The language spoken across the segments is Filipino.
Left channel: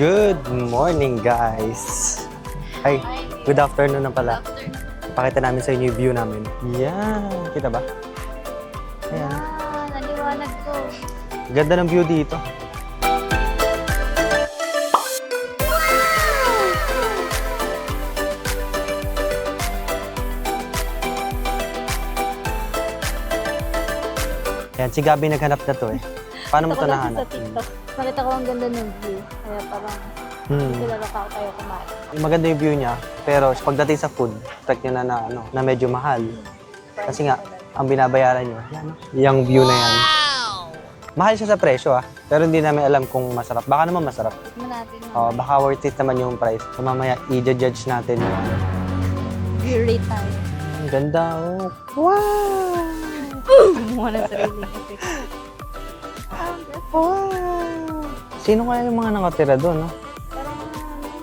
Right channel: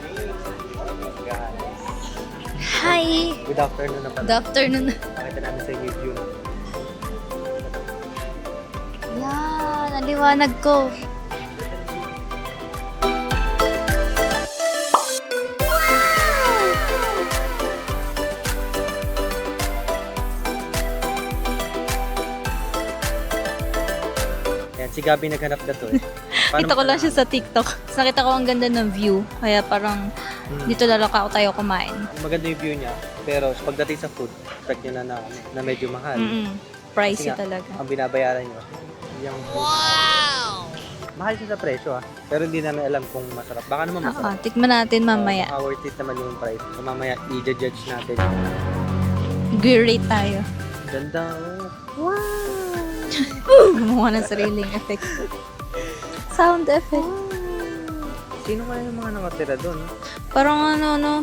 Good morning, guys! Hi! Ay, good afternoon na Good pala. afternoon. Pakita namin sa inyo yung view namin. Yan! Kita ba? Naliwanag ko. Ganda ng view dito. Yan, si Gabi naghanap na to eh. Paano Kita ko mo lang siya sa nahanap? TikTok. Tapos nakita ko ang ganda ng view. Kaya parang dito lalak ako tayo kumain. Maganda yung view niya, pero pagdating sa food, expect nyo na medyo mahal. Kasi Pricey nga, talaga. ang binabayaran nyo, yung view na yan. Mahal siya sa presyo pero hindi namin alam kung masarap. Baka naman masarap. Tikman natin mamaya. Baka worth it naman yung price. So mamaya, i-judge natin. Great tayo. Ang ganda, oh. Wow! Gumawa ng sariling effect. Sound effect. Wow! Sino kaya yung mga nakatira doon, no? Parang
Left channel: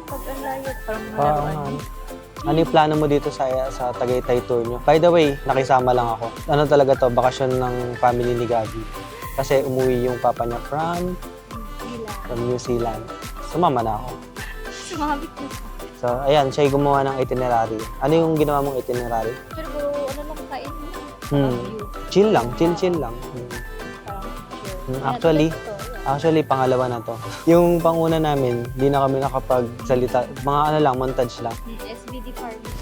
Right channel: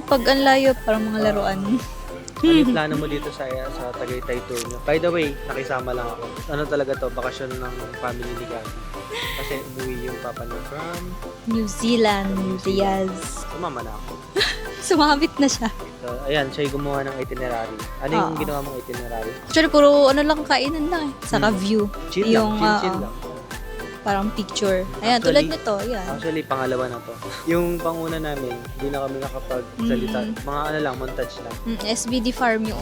pag ang layo, parang mga laruan. Ano yung plano mo dito sa Tagaytay tour nyo? By the way, nakisama lang ako. Ano talaga to? Bakasyon ng family ni Gabi. Kasi umuwi yung papa niya from New Zealand. New Zealand. Diaz. Sumama na ako. Sumabit na siya. So, ayan, siya yung gumawa ng itinerary. Ano yung ginawa mong itinerary? Actually, puro lang kainan lang eh. Saka view. Chill lang, Yung, chill lang. Parang picture. Ayan, Actually, tulad nito. Yan. Actually, pangalawa na to. Yung panguna namin, hindi na kami nakapagsalita. Mga ano lang, montage lang. SBD Farm yun.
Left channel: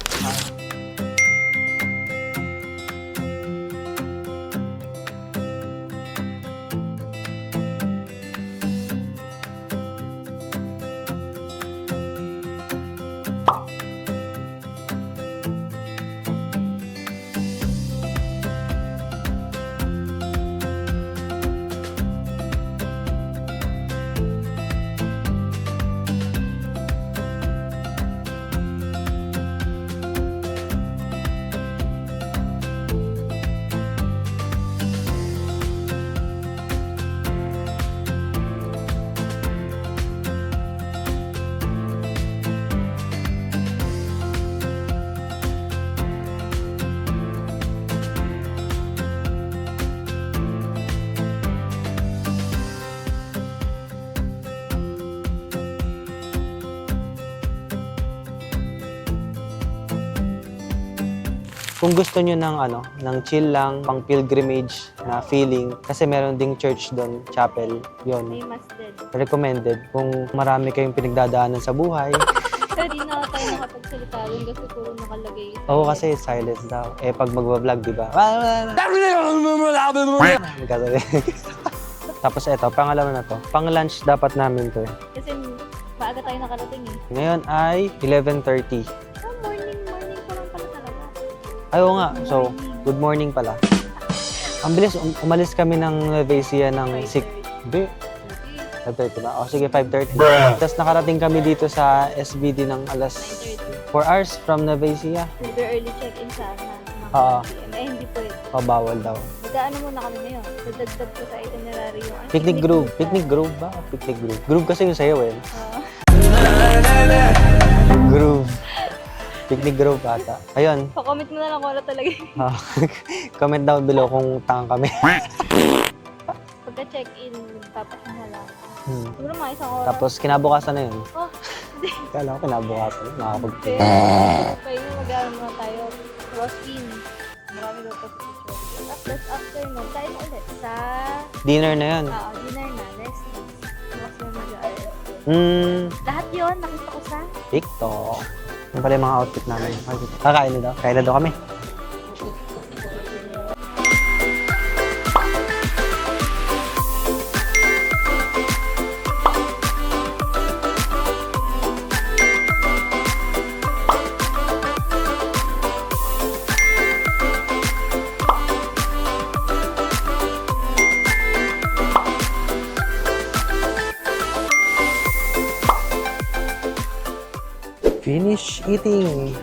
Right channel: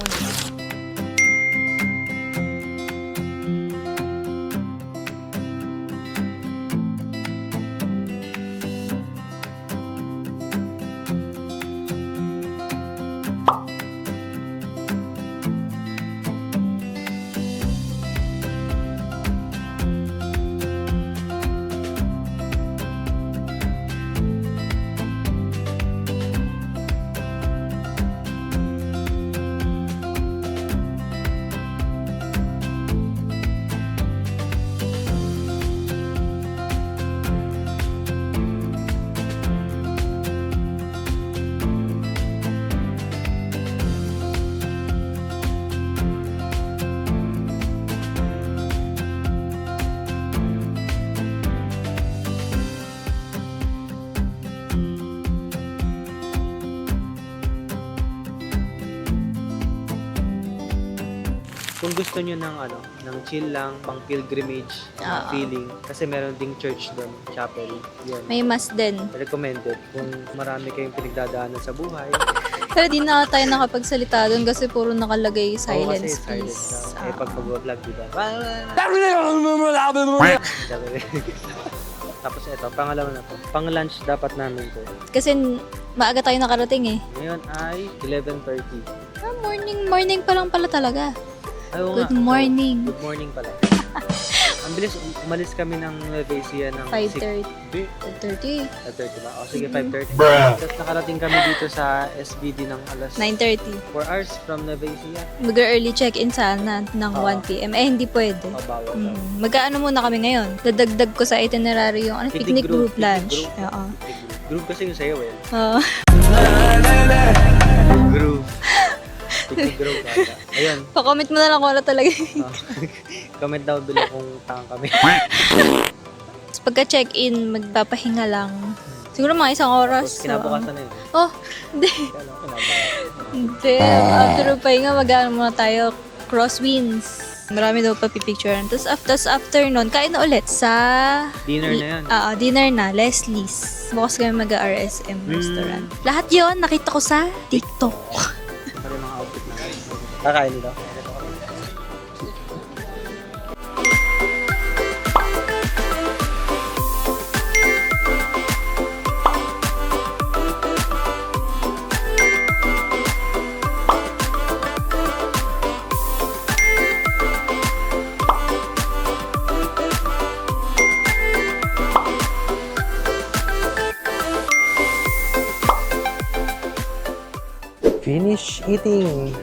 Kung gusto nyo ng chill lang, pang pilgrimage na feeling, kasi meron ding church doon, chapel, yun. May mas din. Recommended. Kung marami kayong pinagdadaanan sa buhay. Pero di na tayo nakapagsalita doon kasi puro nakalagay silence. Oo, kasi silent please. daw. Eh, pag magbablog, di ba? Tapos eto, pangalawa na to. Pang-lunch dapat namin to. Kasi maaga tayo nakarating eh. Ngayon ay 11:30. Morning pa lang pala talaga. Ayaw nga. Good morning. So, good morning pala. Ang bilis, umalis kami ng Nueva Ecija ng 5:30. 5:30 ba? O sige, 5:30. Tapos nakarating kami dito sa SBD ng alas 9:30. 4 hours from Nueva Ecija. Mag-early check-in sana ng 1 p.m. Eh, hindi pwede. Bawal daw. Mag-ano muna kami ngayon? Dadagdag ko sa itinerary yung Picnic Grove. Picnic lunch. Grove. Oo. Picnic Grove. Grove kasi yung sayo eh. Oo. Groove. Picnic Grove ata. Ayan. Pa-comment mo na lang kung ano talaga. Comment down below kung tangang kami. Tapos pagka-check-in, magpapahinga lang. Siguro mga 1 oras. Tapos kinabukasan na yun. Oh, hindi. Kala ko kinabukasan. Hindi. After pahinga, mag-ano muna tayo. Crosswinds. Marami daw pa pipicturean. Tapos after nun, kain na ulit sa... Dinner na yan. Dinner na. Leslie's. Bukas kami mag-RSM restaurant. Lahat yon nakita ko sa TikTok. Yung pala yung mga outfit namin. Kakain na daw. Kain na daw kami. Finish eating.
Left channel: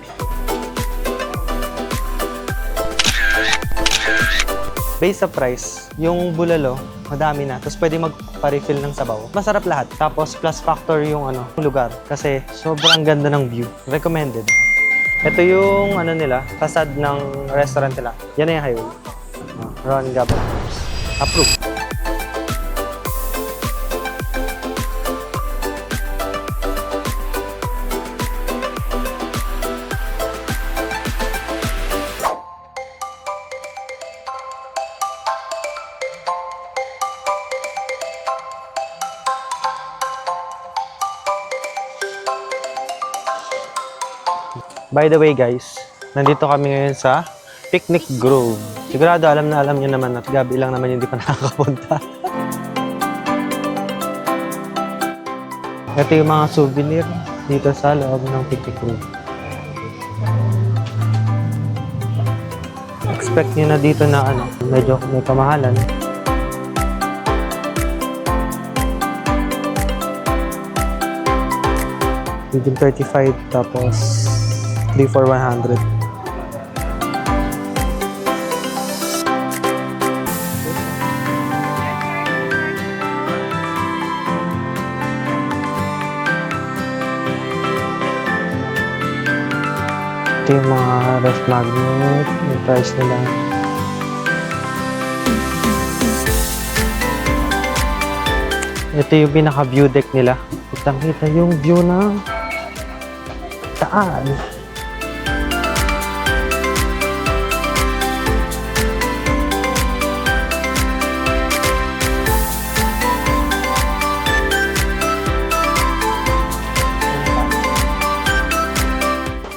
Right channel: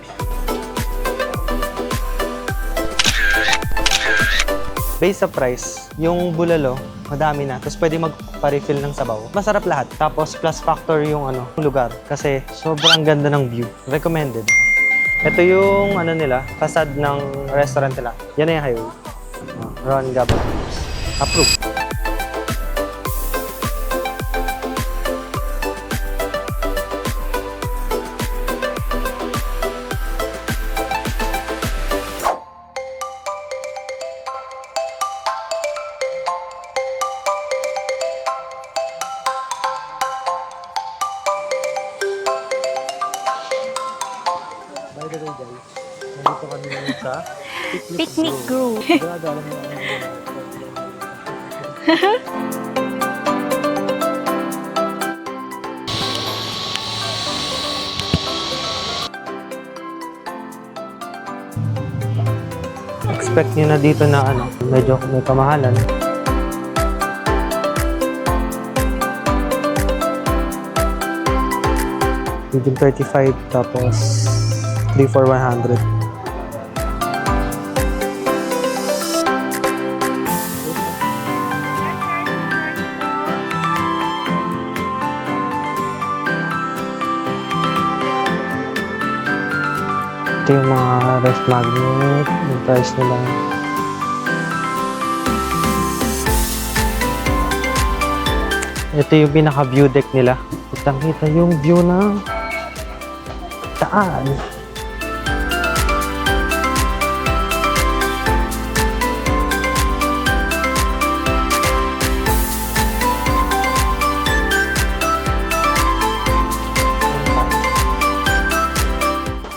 Based sa price, yung bulalo, madami na. Tapos pwede magpa-refill ng sabaw. Masarap lahat. Tapos plus factor yung lugar. Kasi sobrang ganda ng view. Recommended. Ito yung nila, facade ng restaurant nila. Yan na yung highway. Ron Gabon. Approved. By the way guys, nandito kami ngayon sa Picnic Grove. Sigurado alam niyo naman at gabi lang naman yung hindi pa nakakapunta. Ito yung mga souvenir dito sa loob ng Picnic Grove. Expect nyo na dito na medyo may kamahalan. Medium 35 tapos 3 for 100. Ito yung mga ref magnet, yung price nila. Ito yung pinaka-view deck nila. Kitang-kita yung view ng daan.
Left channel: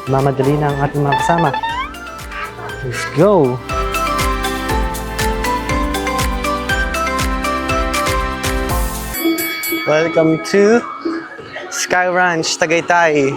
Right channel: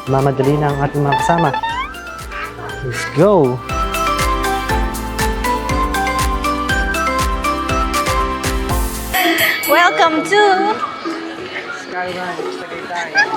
Mamadali na ang ating mga kasama. Let's go! Welcome to Sky Ranch, Tagaytay.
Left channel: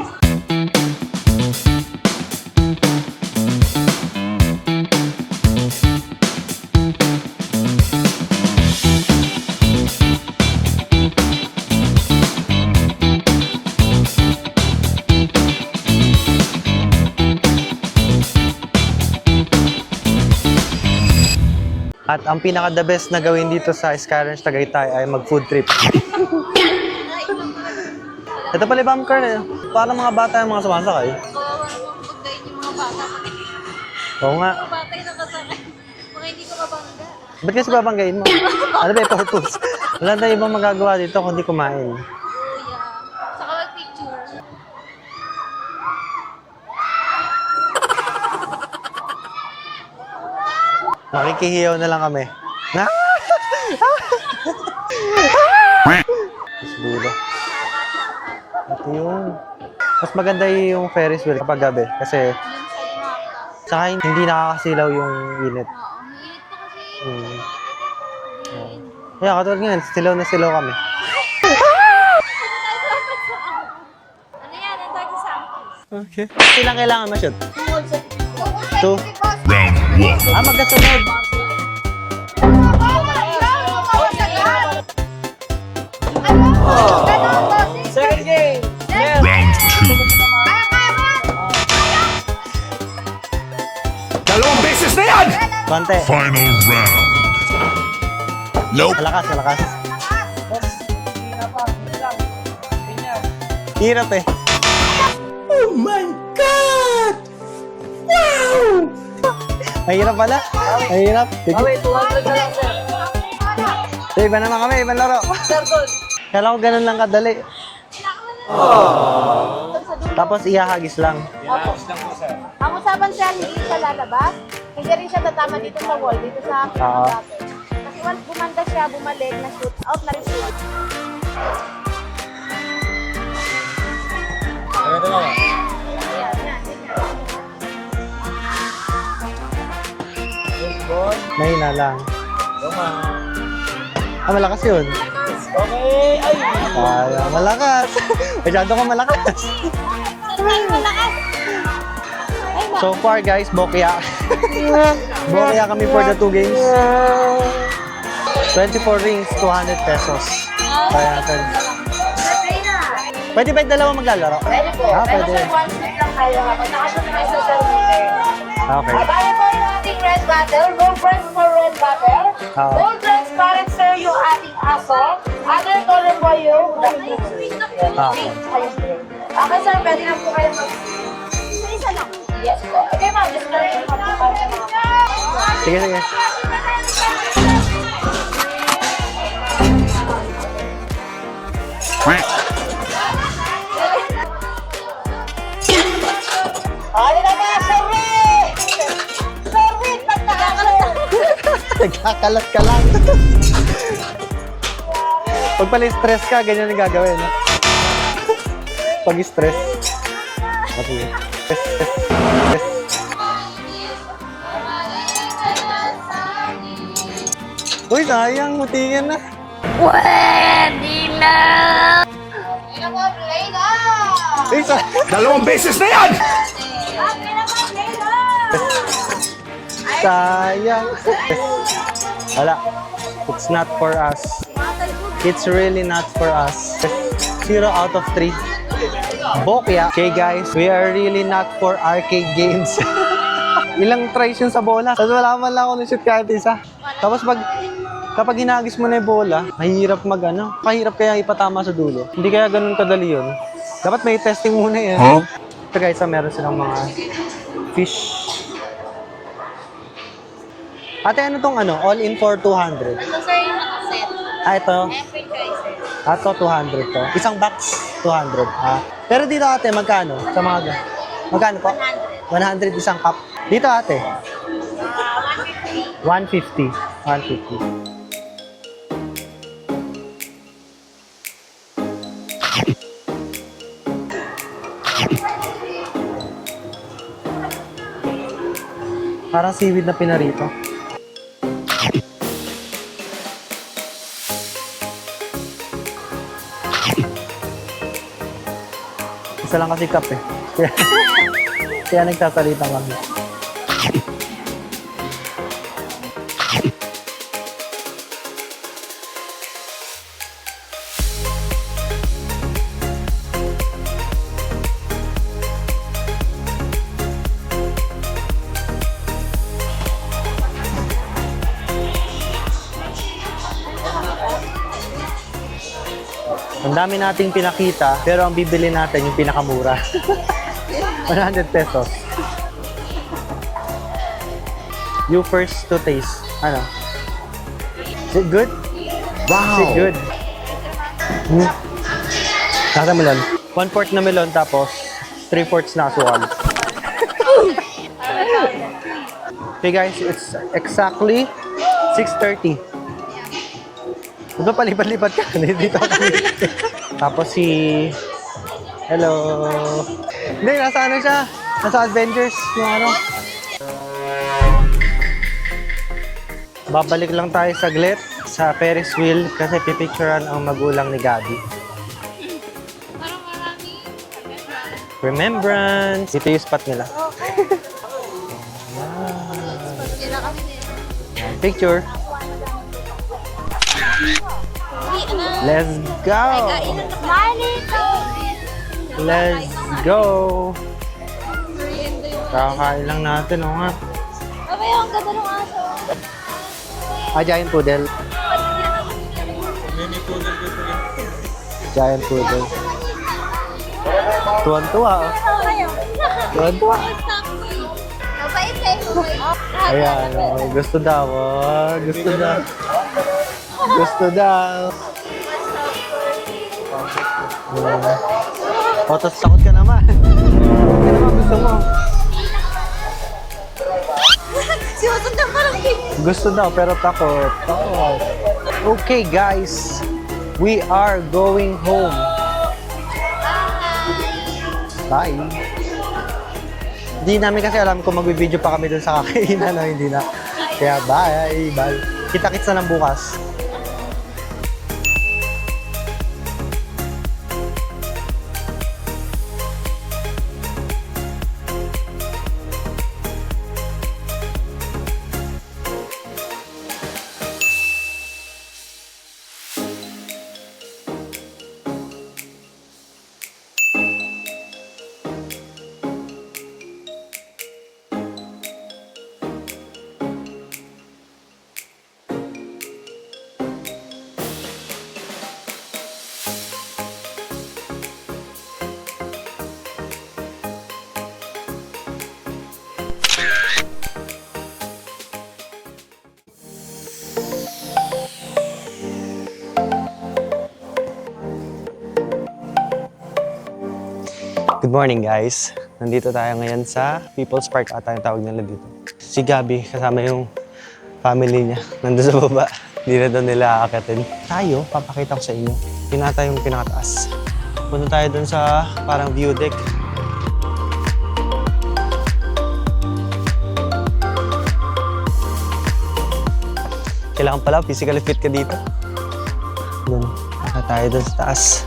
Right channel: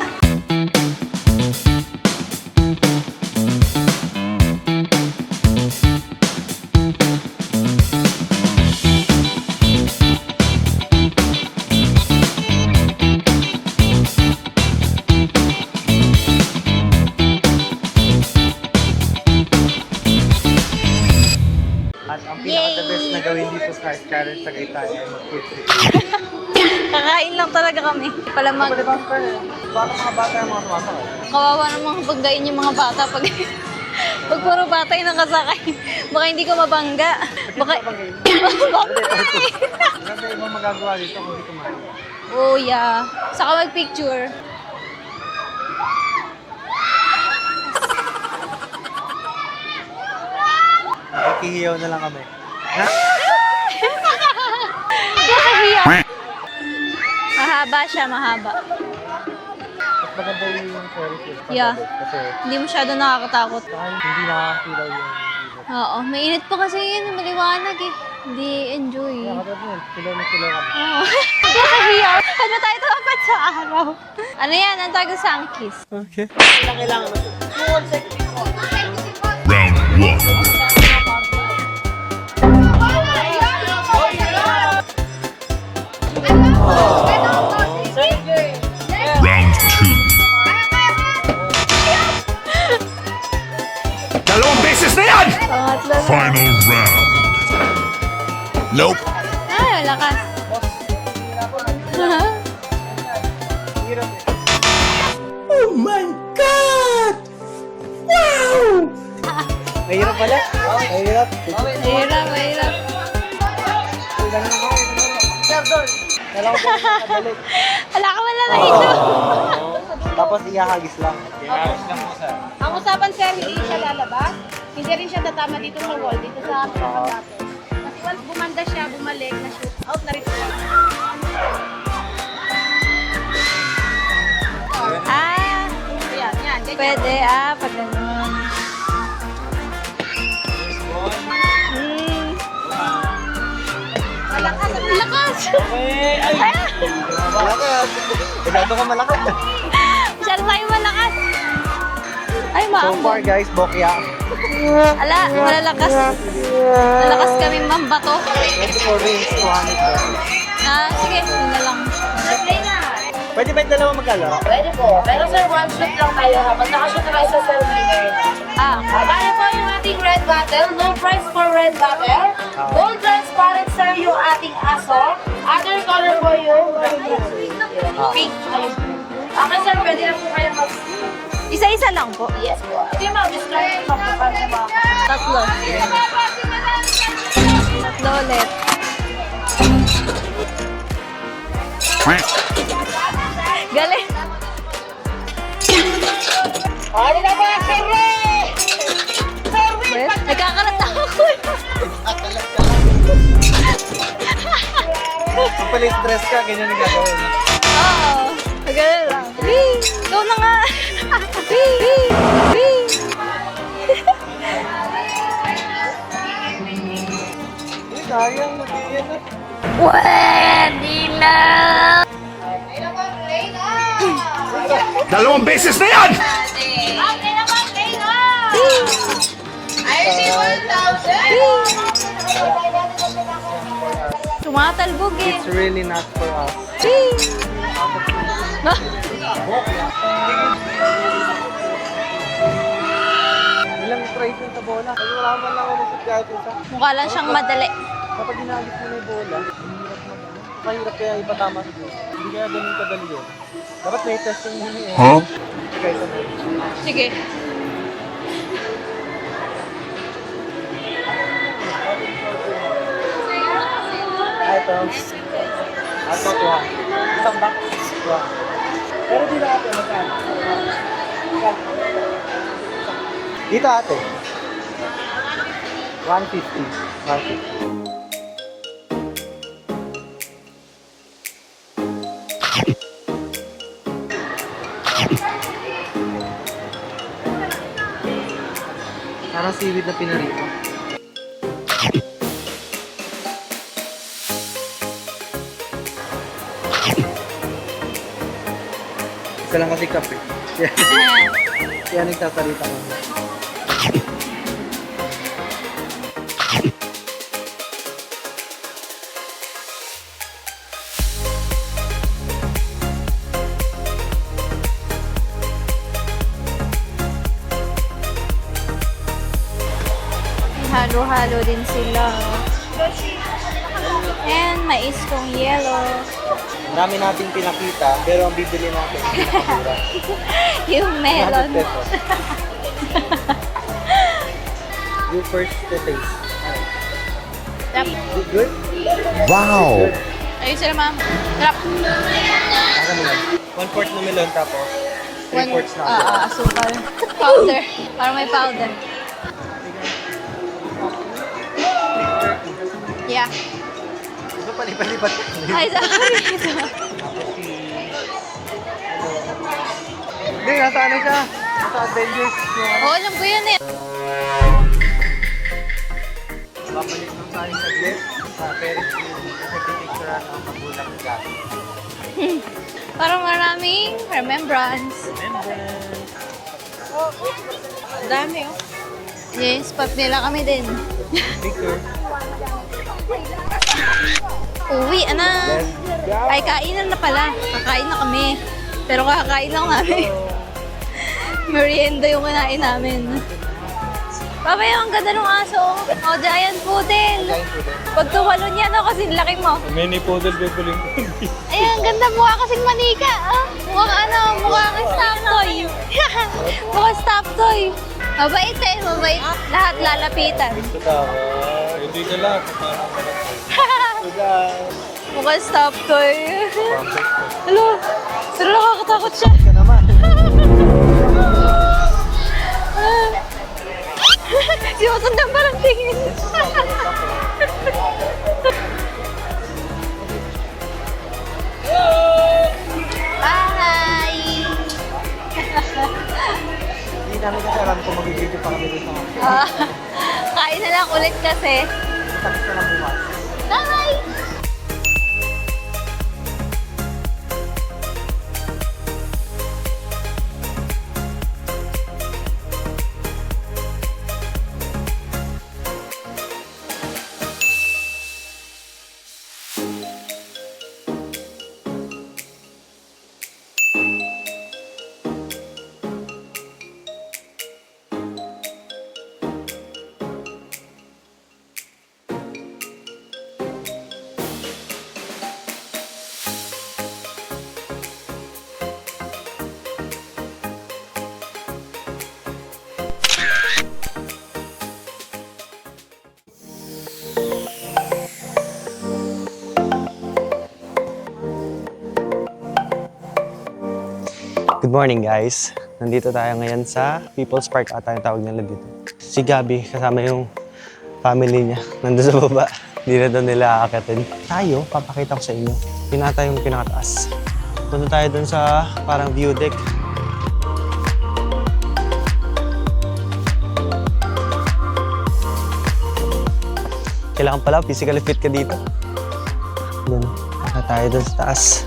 At ang pinaka-the best na gawin dito sa Sky Ranch, Tagaytay ay mag-food trip. Kakain lang talaga kami. Ito pala yung car na yun. Paano mga bata yung mga sumasakay? Kawawa namang pagdayin yung mga bata pag Oo nga. puro bata yung nakasakay. Baka hindi ko mabangga. Ba't kasi babanggain mo? Ano ba ito? Wala na ibang magagawa dito kundi kumain. Oh yeah. Saka mag-picture. Nakikihiyaw na lang kami. Ha? Siguro. Mahaba siya, mahaba. Yun. Mas maganda yung Ferris wheel kapag Yeah. gabi. Kasi Hindi masyado nakakatakot. saka hindi nakakasilaw yung unit. Oo, mainit pa kasi yun. Maliwanag eh. Hindi enjoy. Kaya katulad ngayon, silaw na silaw kami. Oo. Ano tayo dapat sa araw? Ano yan? Ang tawag sa angkis. Okay. Ilang kailangan ma-shoot? 2. Round one. Magkatuloy. Round two. Dalawang beses na yan! Konti. Final round. Nope. Malakas, malakas. Ah, lakas. Hirap eh. Mahirap pala. Mahirap. So, iba naman kami, ibang laro. Kala ko ganun lang kadali. Wala ka man lang. Tapos ihahagis lang. Ang usapan siya, hindi siya lalabas. Hindi rin siya tatama dito sa wall, dito sa Oo. Kasi once bumanda siya, bumalik, na-shoot out na rin siya. Ay, Yan, yan. pwede pag Mahina lang. Ah, malakas yun. lakas. Ay, malakas. Masyado ka malakas. Masyado tayo malakas. Ay, So far guys, bokeh up. Ala, Bokeh kami for the 2 games. Malakas kami mambato. 24 rings, 200 pesos. Sige, ito na lang. Pwede ba yung dalawa maglalaro? Pwede po. Pero sir, one shoot lang tayo ha. Pag nakashoot na kayo sa sir winner. Okay. Bali po yung ating red bottle. No price for red bottle. Gold transparent sir yung ating aso. Other color po yung black pink. Pink tsaka yung green. Okay sir, pwede lang po kayo mag... Isa-isa lang po. Yes po. Okay ma'am, just try to mag-prepare na ma'am. Tatlo. Sige na. Tatlo ulit. Galing. Ano na ba, sir? Nagkakalat ako. Nagkakalat ka lang. Pag pala stress ka, ganyan ang gagawin. Galing. Pag stress. Ikaw na nga. Uy, sayang. Mutingan na. Uy, Dalawang beses na yan! sayang. Wala. It's not for us. Tumatalbog eh. It's really not for us. 0 out of 3. Bokya. Okay guys, we are really not for arcade games. Ilang tries yun sa bola. Tapos wala man lang ako ng-shoot kahit isa. Mukha lang Tapos siyang madali. Kapag hinagis mo na yung bola, mahirap kahirap kaya ipatama sa dulo. Hindi kaya ganun kadali yun. Dapat may testing muna yan. Huh? Ito guys, meron silang mga Sige. fish. Ate, ano tong all in for 200? Ito sir yung nakaset. Ito. Okay guys. Ito, 200 to. Isang box, 200. Pero dito ate, magkano? Sa mga magkano po? 100 isang cup. Dito ate. 150. 150. Parang seaweed na pinarito. Isa lang kasi cup eh. Kaya nagsasalita lang. Halo-halo din sila. And mais kong yellow. Ang dami nating pinakita, pero ang bibili natin yung pinakamura. Yung 100 melon. pesos. You first to taste. Ano? Good? Wow! Good. Ayun sila ma'am. Kasa melon. 1/4 na melon, tapos 3/4 na asukal. Asukal. Powder. Parang may powder. Okay guys, it's exactly 6:30. Yeah. Di ba palipat-lipat ka? Dito ako. Tapos si... Hello. Hindi, nasa ano siya? Nasa Avengers. Yung ano. Oo, alam ko yan eh. Babalik lang tayo saglit sa Ferris wheel kasi pipicturean ang magulang ni Gabi. Parang maraming remembrance. Remembrance! Ito yung spot nila. Dami oh. Yes, pag nila kami din. Picture. Uwi, anak. Let's go! Ay, kainan na pala. Kakain na kami. Pero kakakain lang Let's namin. go! Merienda yung kanain Kakain namin. lang natin, o nga. Babay, ang ganda ng aso. Oh, giant poodle. Giant poodle. Pag tumalon yan, oh, kasi laki mo. Mini poodle ko pala. Ayan, Giant ganda mukha poodle. kasi manika. Ah, mukha ano, mukha Tuwan-tuwa. stop toy. Tuwan-tuwa. Mukha stop toy. Mabait eh, mabait. Lahat Ayan. lalapitan. Gusto daw. Gusto daw. Gusto daw. Mukha stop toy. Hello? Pero nakakatakot siya. Takot ka naman. Sinusundan parang tingin. Gusto daw, pero takot. Okay, guys. We are going home. Bye! Bye. Hindi namin kasi alam kung mag-video pa kami dun sa kakainan na hindi na. Kain na lang ulit kasi. Kita-kits na lang bukas. Bye! Good morning, guys. Nandito tayo ngayon sa People's Park ata yung tawag nila dito. Si Gabi, kasama yung family niya. Nandun sa baba. Hindi na doon nila aakatin. Tayo, papakita ko sa inyo. Pinata yung pinakataas. Punta tayo doon sa parang view deck. Kailangan pala, physically fit ka dito. Doon, naka tayo doon sa taas.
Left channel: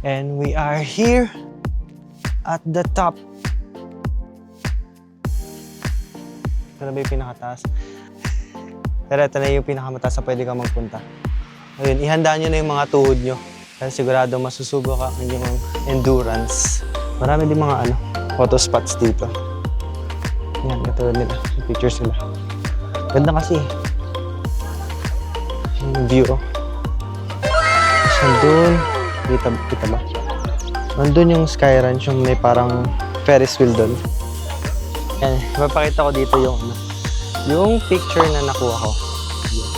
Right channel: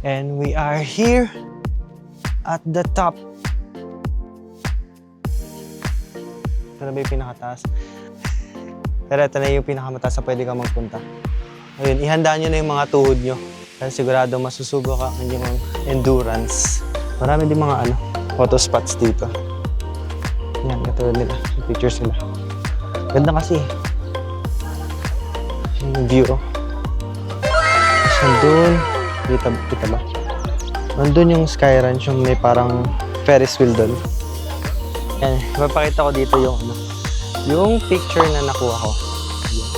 And we are here at the top. Ito na ba yung pinakataas? Pero ito na yung pinakamataas na pwede kang magpunta. Ayun, ihanda nyo na yung mga tuhod nyo. Kasi sigurado masusubok ang inyong endurance. Marami din mga photo spots dito. Yan, katulad nila. Yung pictures nila. Ganda kasi. Yung view. Nandun. Kita ba? Nandun yung Sky Ranch, yung may parang Ferris wheel doon. Yan, mapakita ko dito yung picture na nakuha ko. Yan.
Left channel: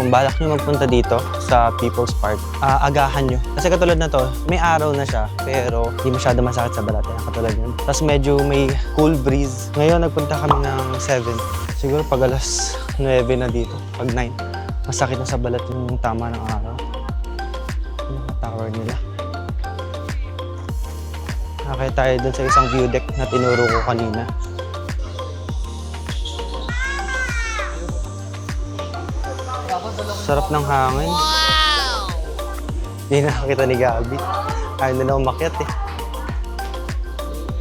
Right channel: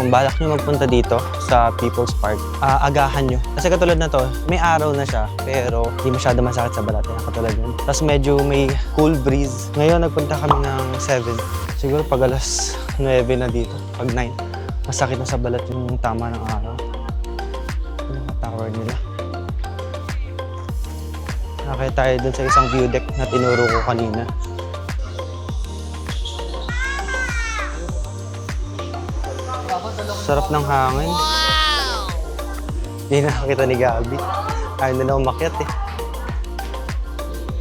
Kung balak nyo magpunta dito sa People's Park, agahan nyo. Kasi katulad na to, may araw na siya, pero hindi masyado masakit sa balat. Yan, katulad yun. Tapos medyo may cool breeze. Ngayon, nagpunta kami ng 7. Siguro pag alas 9 na dito, pag 9, masakit na sa balat yung tama ng araw. Yung tower nila. Nakakita tayo dun sa isang view deck na tinuro ko kanina. Sarap ng hangin. Wow! Hindi nakakita ni Gabi. Ayaw na lang umakyat eh.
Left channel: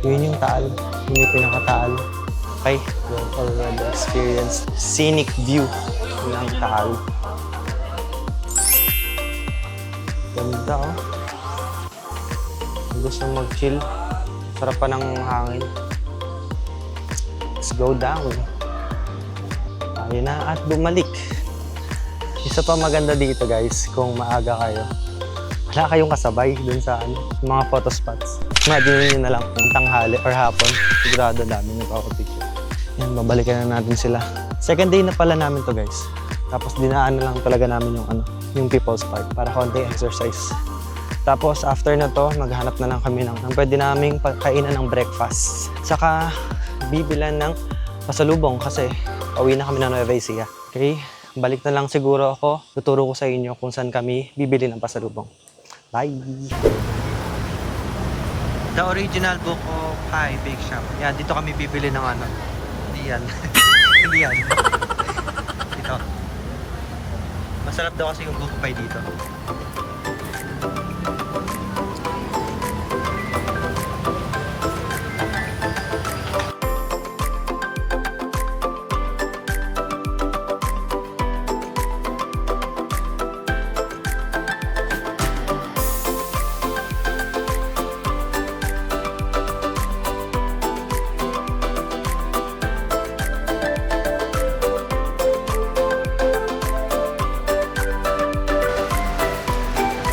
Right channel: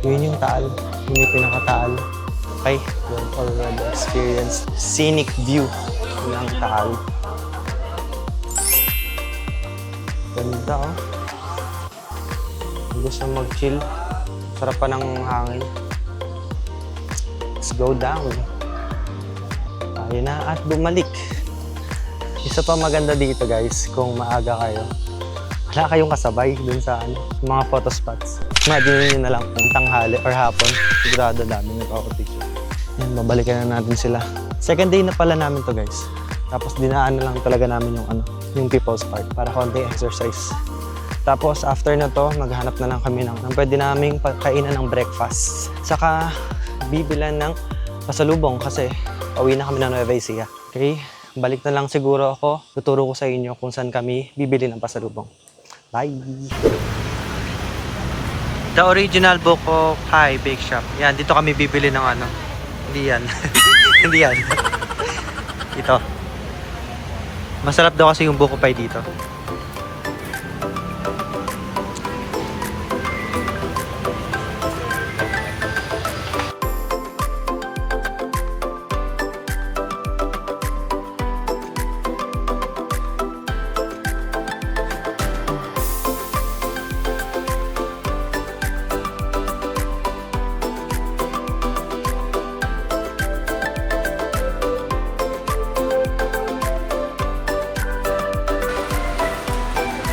Yun yung taal. Yun yung pinaka-taal. Okay, we've already experienced scenic view ng taal. Ganda oh. Gusto mag-chill. Sarap pa ng hangin. Let's go down. Tayo na at bumalik. Isa pa maganda dito guys, kung maaga kayo. Wala kayong kasabay dun sa mga photo spots. Imagine nyo na lang kung tanghali or hapon. Sigurado dami nagpapapicture. Yan, babalikan na natin sila. Second day na pala namin to guys. Tapos dinaan na lang talaga namin yung People's Park para konting exercise. Tapos after na to, maghanap na lang kami ng pwede naming kainan ng breakfast. Saka bibilan ng pasalubong kasi pauwi na kami ng Nueva Ecija. Okay? Balik na lang siguro ako. Tuturo ko sa inyo kung saan kami bibili ng pasalubong. Bye! The original Buko Pie Bake Shop. Yan, dito kami bibili ng Hindi yan. Hindi yan. Ito. Masarap daw kasi yung Buko Pie dito.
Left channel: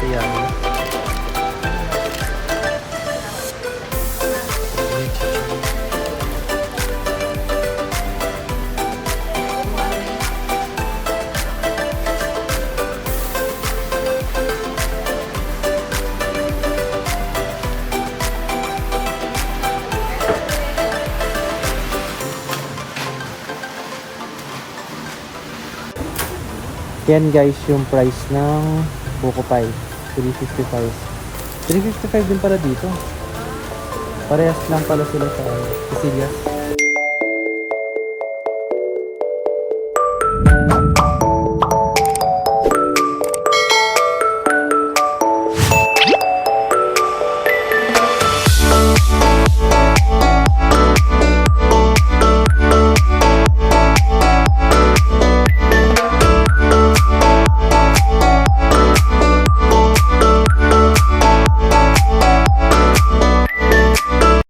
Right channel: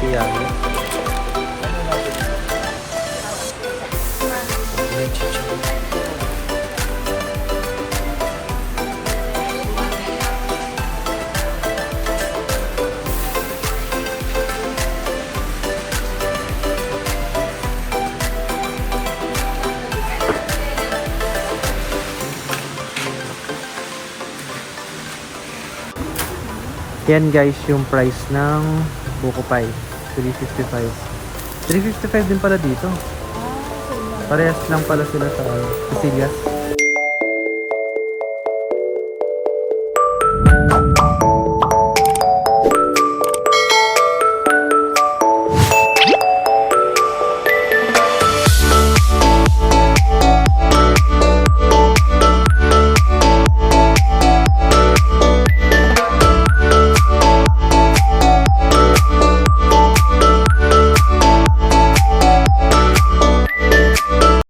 Yan. Yan guys, yung price ng Buko Pie. 355. 355 din pala dito. Parehas lang pala sila sa Cecilia's.